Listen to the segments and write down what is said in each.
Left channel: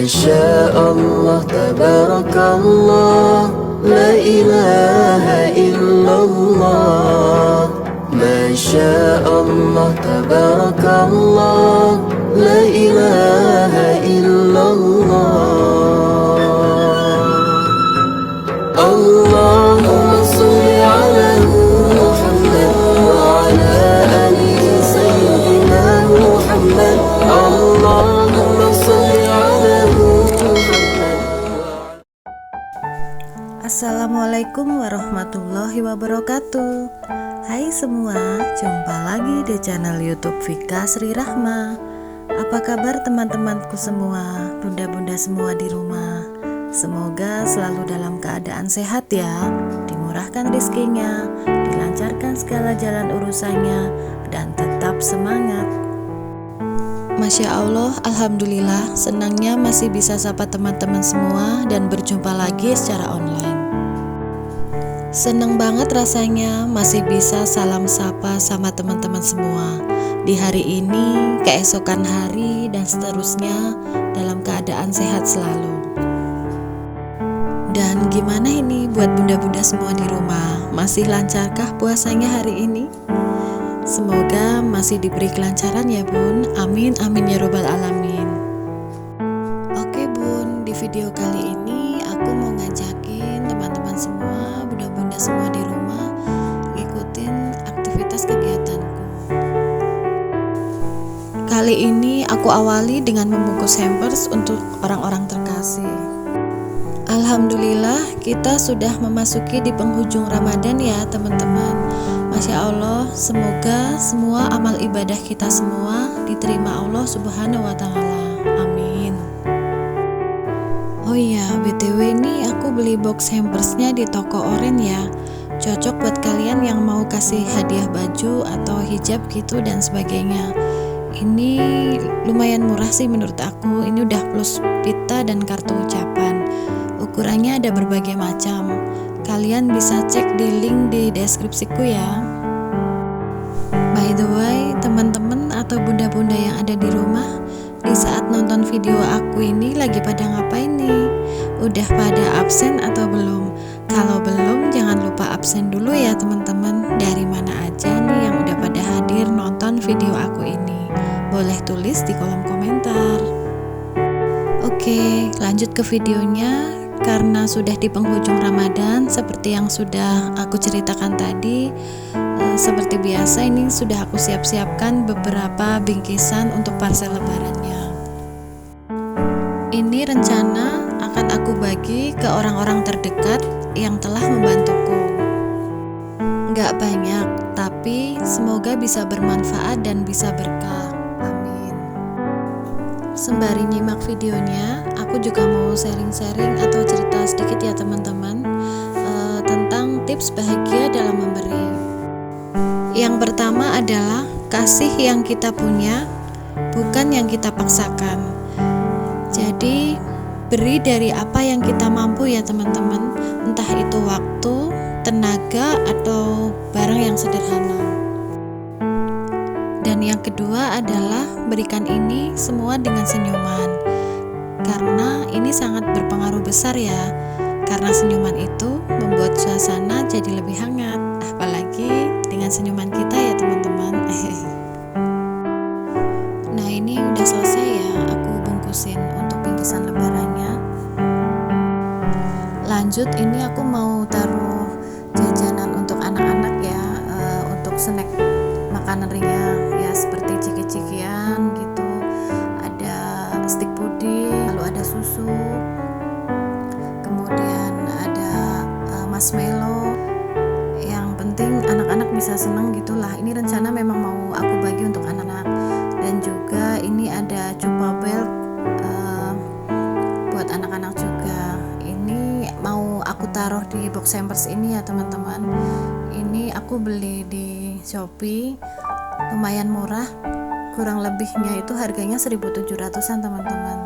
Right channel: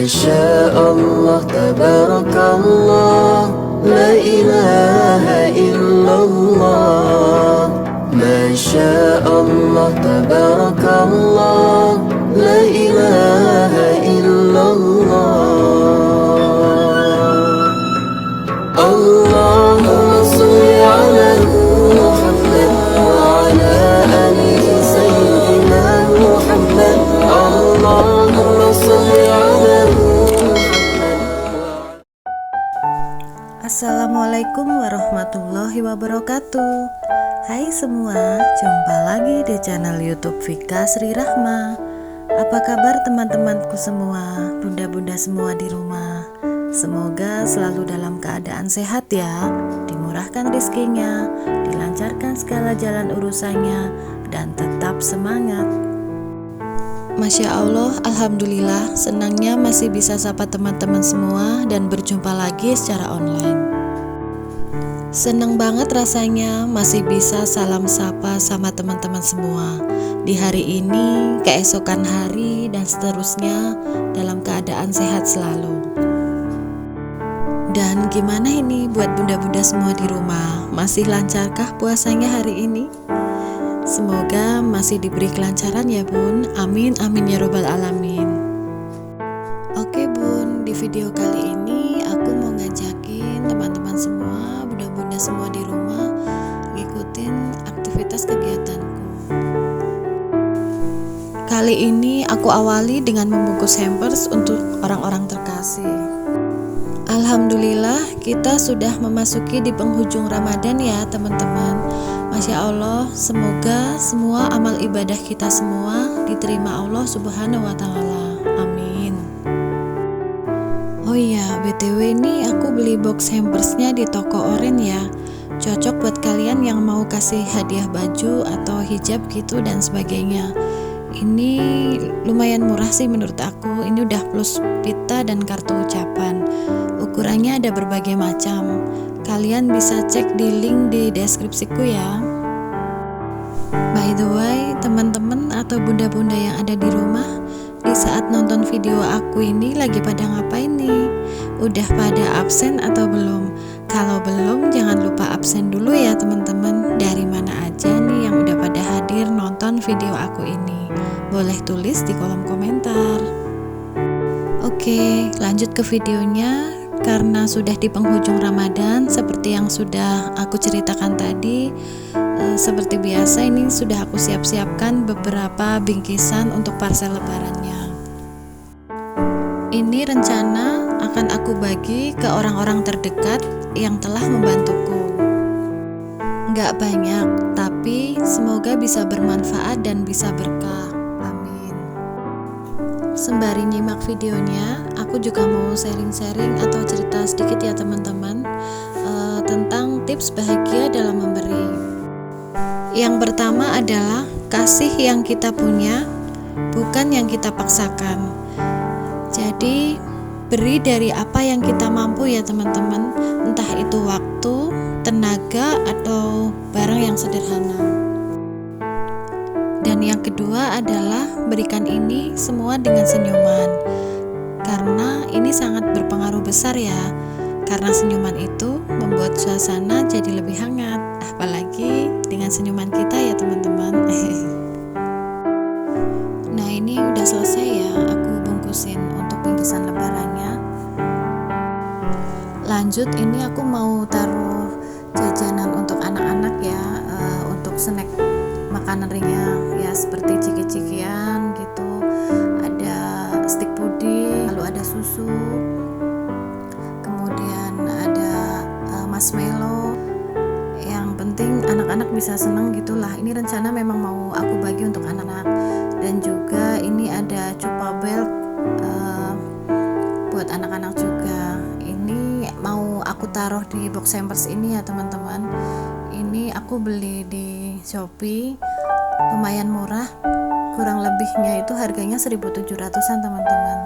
Masya Allah, tabarakallah, la ilaha illallah. Masya Allah, tabarakallah, la ilaha illallah. Allahumma salli ala Muhammad wa ala ali sayyidina Muhammad. Allahumma salli ala Muhammad. Assalamualaikum warahmatullahi wabarakatuh. Hai semua, jumpa lagi di channel YouTube Vika Sri Rahma. Apa kabar teman-temanku semua, bunda-bunda semua di rumah? Semoga selalu dalam keadaan sehat ya, dimurahkan rezekinya, dilancarkan segala jalan urusannya, dan tetap semangat. Masya Allah, Alhamdulillah, senangnya masih bisa sapa teman-teman semua dan berjumpa lagi secara online. Seneng banget rasanya masih bisa salam sapa sama teman-teman semua di hari ini, keesokan hari, dan seterusnya dalam keadaan sehat selalu. Dan gimana ini buat bunda-bunda semua di rumah? Masih lancarkah puasanya hari ini? Semoga masih diberi kelancaran ya bun. Amin amin ya robbal alamin. Oke bun, di video kali ini aku mau ngajakin teman-teman semua, bunda-bunda semua di rumah, ngikutin aktivitas kegiatanku. Kali ini aku awali dengan membungkus hampers untuk orang-orang terkasih. Alhamdulillah, kita sudah memasuki di penghujung Ramadan ya teman-teman. Masya Allah, semoga semua amal ibadah kita semua diterima Allah Subhanahu wa Ta'ala. Amin. Oh iya, BTW ini aku beli box hampersnya di toko Oren ya. Cocok buat kalian yang mau kasih hadiah baju atau hijab gitu dan sebagainya. Ini lumayan murah sih menurut aku. Ini udah plus pita dan kartu ucapan. Ukurannya ada berbagai macam. Kalian bisa cek di link di deskripsiku ya. By the way, teman-teman atau bunda-bunda yang ada di rumah, di saat nonton video aku ini lagi pada ngapain nih? Udah pada absen atau belum? Kalau belum, jangan lupa absen dulu ya teman-teman. Dari mana aja nih yang udah pada hadir nonton video aku ini? Boleh tulis di kolom komentar. Oke, lanjut ke videonya. Karena sudah di penghujung Ramadan, seperti yang sudah aku ceritakan tadi, seperti biasa ini sudah aku siap-siapkan beberapa bingkisan untuk parcel lebarannya. Ini rencana akan aku bagi ke orang-orang terdekat yang telah membantuku. Nggak banyak, tapi semoga bisa bermanfaat dan bisa berkah. Sembari nyimak videonya, aku juga mau sharing-sharing atau cerita sedikit ya teman-teman tentang tips bahagia dalam memberi. Yang pertama adalah kasih yang kita punya, bukan yang kita paksakan. Jadi beri dari apa yang kita mampu ya teman-teman, entah itu waktu, tenaga, atau barang yang sederhana. Dan yang kedua adalah berikan ini semua dengan senyuman. Karena ini sangat berpengaruh besar ya. Karena senyuman itu membuat suasana jadi lebih hangat. Apalagi dengan senyuman kita ya teman-teman. Nah ini udah selesai ya, aku bungkusin untuk bingkisan lebarannya. Lanjut, ini aku mau taruh jajanan untuk anak-anak ya, untuk snack makanan ringan ya, seperti ciki-cikian gitu, ada stik puding, lalu ada susu, kemudian ada marshmallow. Yang penting anak-anak bisa seneng gitulah. Ini rencana memang mau aku bagi untuk anak-anak. Dan juga ini ada chupa belt buat anak-anak juga. Ini mau aku taruh di box hampers ini ya teman-teman. Ini aku beli di Shopee, lumayan murah, kurang lebihnya itu harganya 1.700-an teman-teman.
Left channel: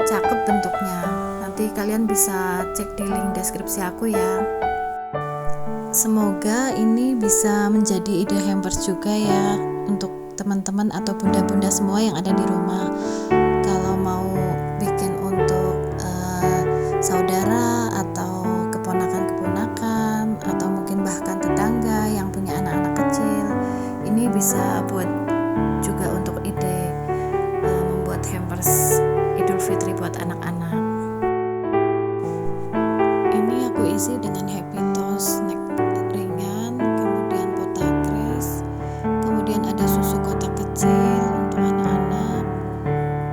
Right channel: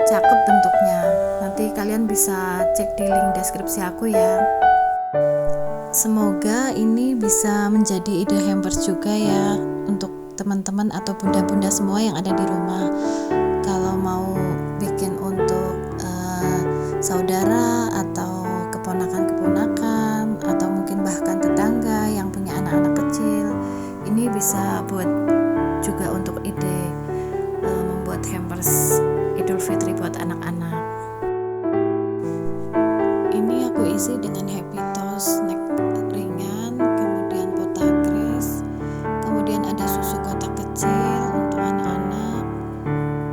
Cakep bentuknya, nanti kalian bisa cek di link deskripsi aku ya. Semoga ini bisa menjadi ide hampers juga ya untuk teman-teman atau bunda-bunda semua yang ada di rumah. Kalau mau bikin untuk keponakan-keponakan atau mungkin bahkan tetangga yang punya anak-anak kecil. Ini bisa buat juga untuk ide membuat hampers Idul Fitri buat anak-anak. Ini aku isi dengan Happy Toast snack ringan, kemudian potakres, kemudian ada susu kotak kecil untuk anak-anak,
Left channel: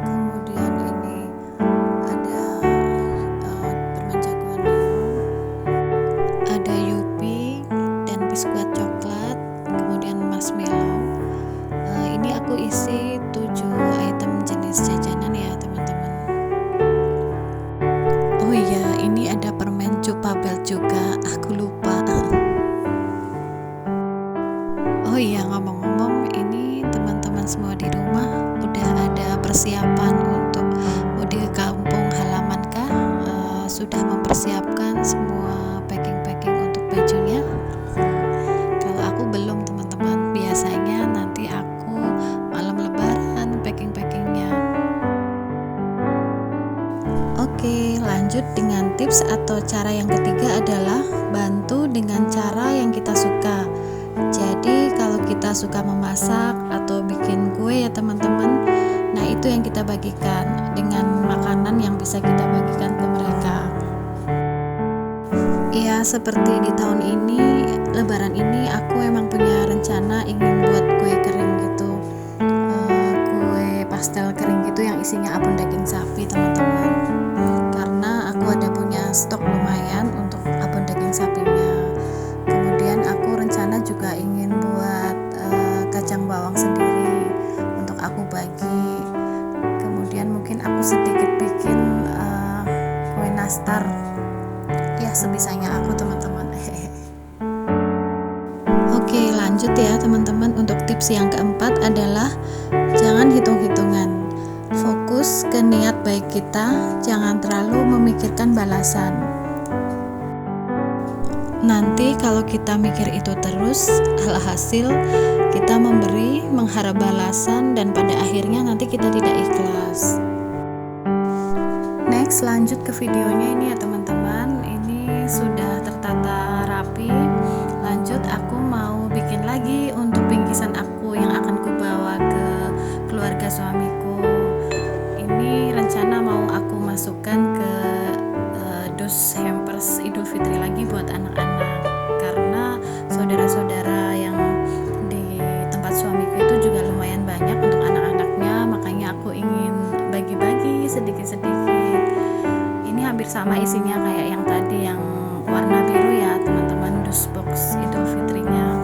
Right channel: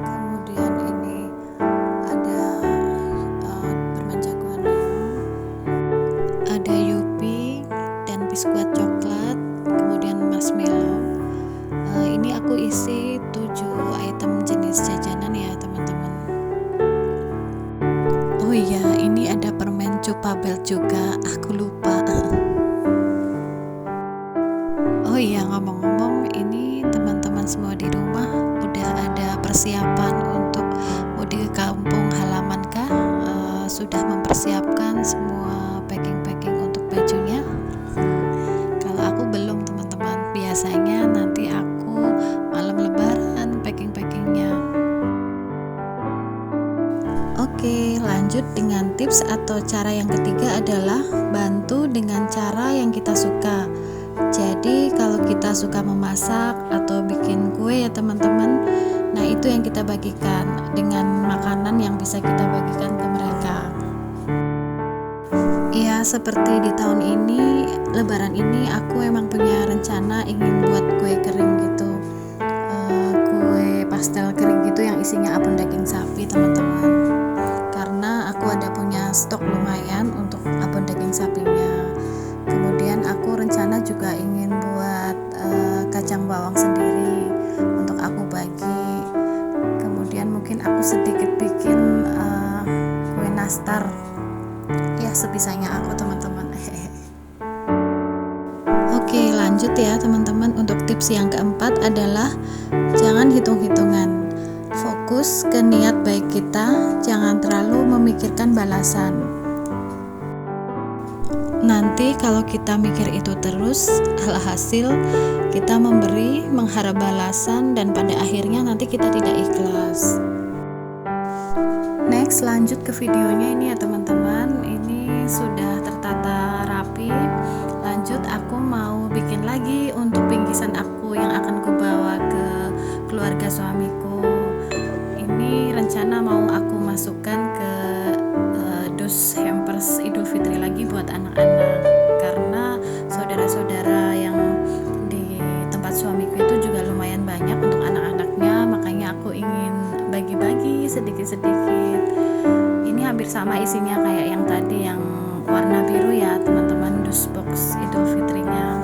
kemudian ini ada permen jagoan neon, ada Yupi dan biskuit coklat, kemudian marshmallow. Ini aku isi 7 item jenis jajanan ya teman-teman. Oh iya, ini ada permen Cupabel juga, aku lupa. Oh iya, ngomong-ngomong, ini teman-teman semua di rumah udah ada persiapan untuk mudik ke kampung halaman kah? Sudah mempersiapkan semua packing-packing untuk bajunya? Kalau aku belum teman-teman, biasanya nanti aku malam lebaran packing-packingnya. Oke, lanjut dengan tips atau cara yang ketiga adalah bantu dengan cara yang kita suka. Jadi kalau kita suka memasak atau bikin kue ya teman-teman, nah itu yang kita bagikan dengan makanan yang bisa kita bagikan ke mereka. Ya seperti di tahun ini, lebaran ini aku emang punya rencana ingin buat kue kering gitu, kue pastel kering gitu yang isinya abon daging sapi teman-teman. Karena aku ada punya stok lumayan untuk abon daging sapinya. Kemudian aku rencana juga ingin buat kacang bawang sendiri untuk aku bagi. Kemudian mungkin aku sedikit bikin kue nastar. Ya sebisanya aku teman-teman. Oke, lanjut ya teman-teman. Untuk tips yang keempat adalah jangan hitung-hitungan. Fokus ke niat baik kita, jangan terlalu memikirkan balasan. Nanti kalau kita mikir itu terus, alhasil kita memberi, mengharap balasan, dan pada akhirnya nanti kita tidak ikhlas. Next, lanjut ke videonya ini ya teman-teman. Ini sudah tertata rapi. Lanjut, aku mau bikin lagi untuk bingkisan aku yang akan kubawa ke keluarga suamiku. Ini rencana mau aku masukkan ke dus hampers Idul Fitri lagi buat anak-anak, karena saudara-saudara yang di tempat suamiku itu juga lumayan banyak untuk anak-anaknya, makanya aku ingin bagi-bagi sedikit-sedikit. Ini hampir sama isinya kayak yang tadi yang warna biru ya teman-teman, dus box Idul Fitrinya.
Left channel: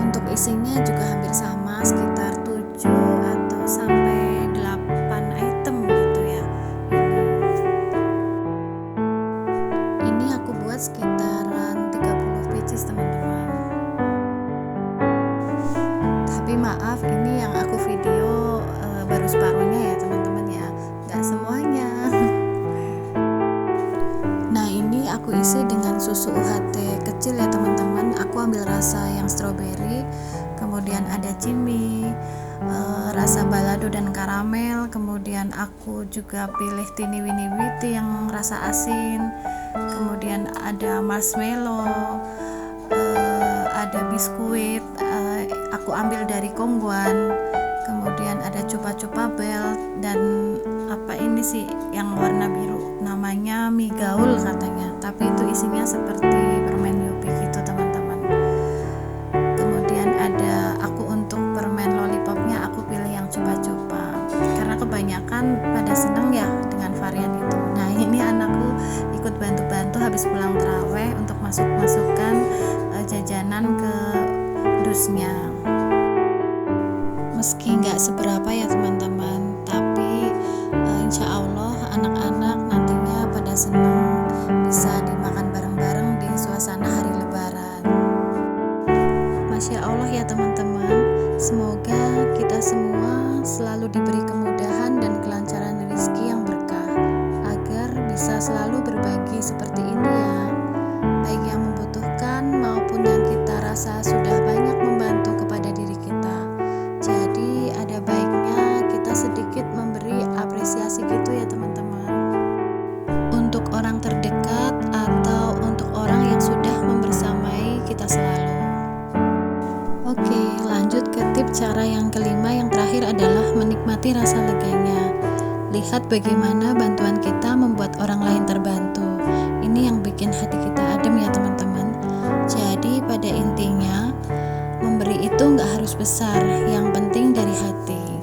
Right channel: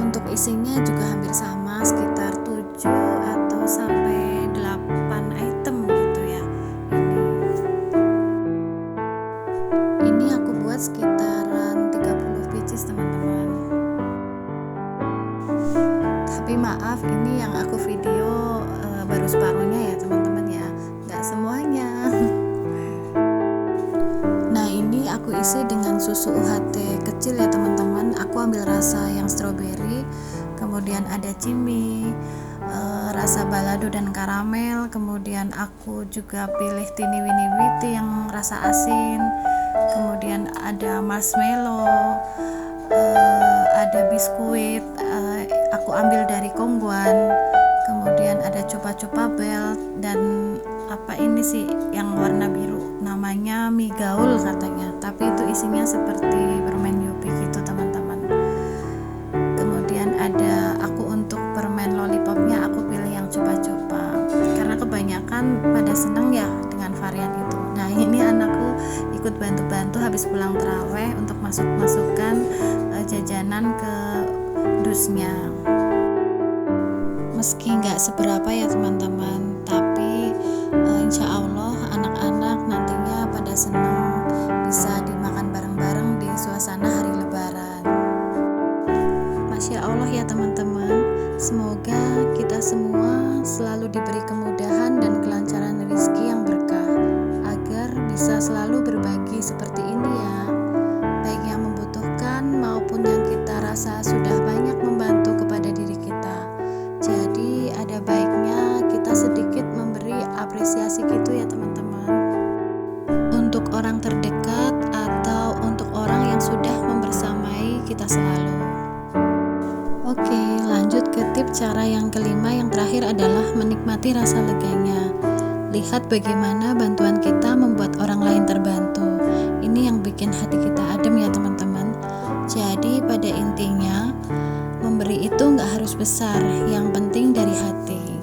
Untuk isinya juga hampir sama, sekitar 7 atau sampai 8 item gitu ya. Ini aku buat sekitaran 30 pieces teman-teman. Tapi maaf, ini yang aku video baru separuhnya ya teman-teman ya, nggak semuanya. Nah ini aku isi dengan susu UHT kecil ya teman-teman. Aku ambil rasa yang strawberry, kemudian ada cimi, rasa balado dan karamel, kemudian aku juga pilih tini wini witi yang rasa asin, kemudian ada marshmallow, ada biskuit, aku ambil dari Kongguan, kemudian ada Cupabel, dan apa ini sih yang warna biru, namanya mie gaul katanya, tapi itu isinya seperti permen Yupi gitu teman-teman. Kemudian ada aku untuk permen lollipopnya aku pilih yang cupa-cupa karena kebanyakan pada seneng ya dengan varian itu. Nah ini anakku ikut bantu-bantu habis pulang taraweh untuk masuk-masukkan jajanan ke dusnya. Meski nggak seberapa ya teman-teman, tapi insya Allah anak-anak nantinya pada seneng bisa dimakan bareng-bareng di suasana hari lebaran. Masya Allah ya teman-teman, semoga kita semua selalu diberi kemudahan dan kelancaran rezeki yang berkah, agar bisa selalu berbagi seperti ini ya, baik yang membutuhkan maupun yang kita rasa sudah banyak membantu kepada diri kita. Jadi ada baiknya kita sedikit memberi apresiasi gitu ya teman-teman. Untuk orang terdekat sudah membersamai kita selalu. Oke, lanjut ke tip cara yang kelima, yang terakhir adalah menikmati rasa leganya. Lihat bagaimana bantuan kita membuat orang lain terbantu. Ini yang bikin hati kita adem ya teman-teman. Jadi pada intinya, memberi itu nggak harus besar, yang penting dari hati.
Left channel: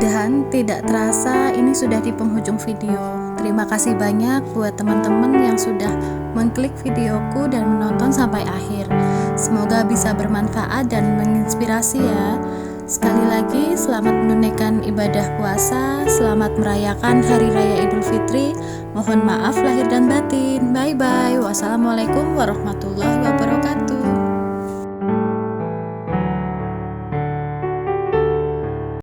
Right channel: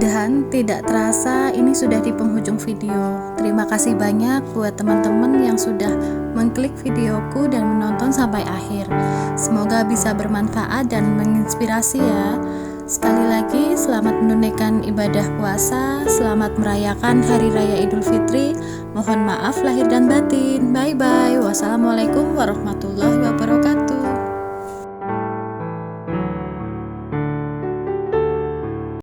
Dan tidak terasa ini sudah di penghujung video. Terima kasih banyak buat teman-teman yang sudah mengklik videoku dan menonton sampai akhir. Semoga bisa bermanfaat dan menginspirasi ya. Sekali lagi selamat menunaikan ibadah puasa, selamat merayakan Hari Raya Idul Fitri. Mohon maaf lahir dan batin. Bye bye. Wassalamualaikum warahmatullahi wabarakatuh.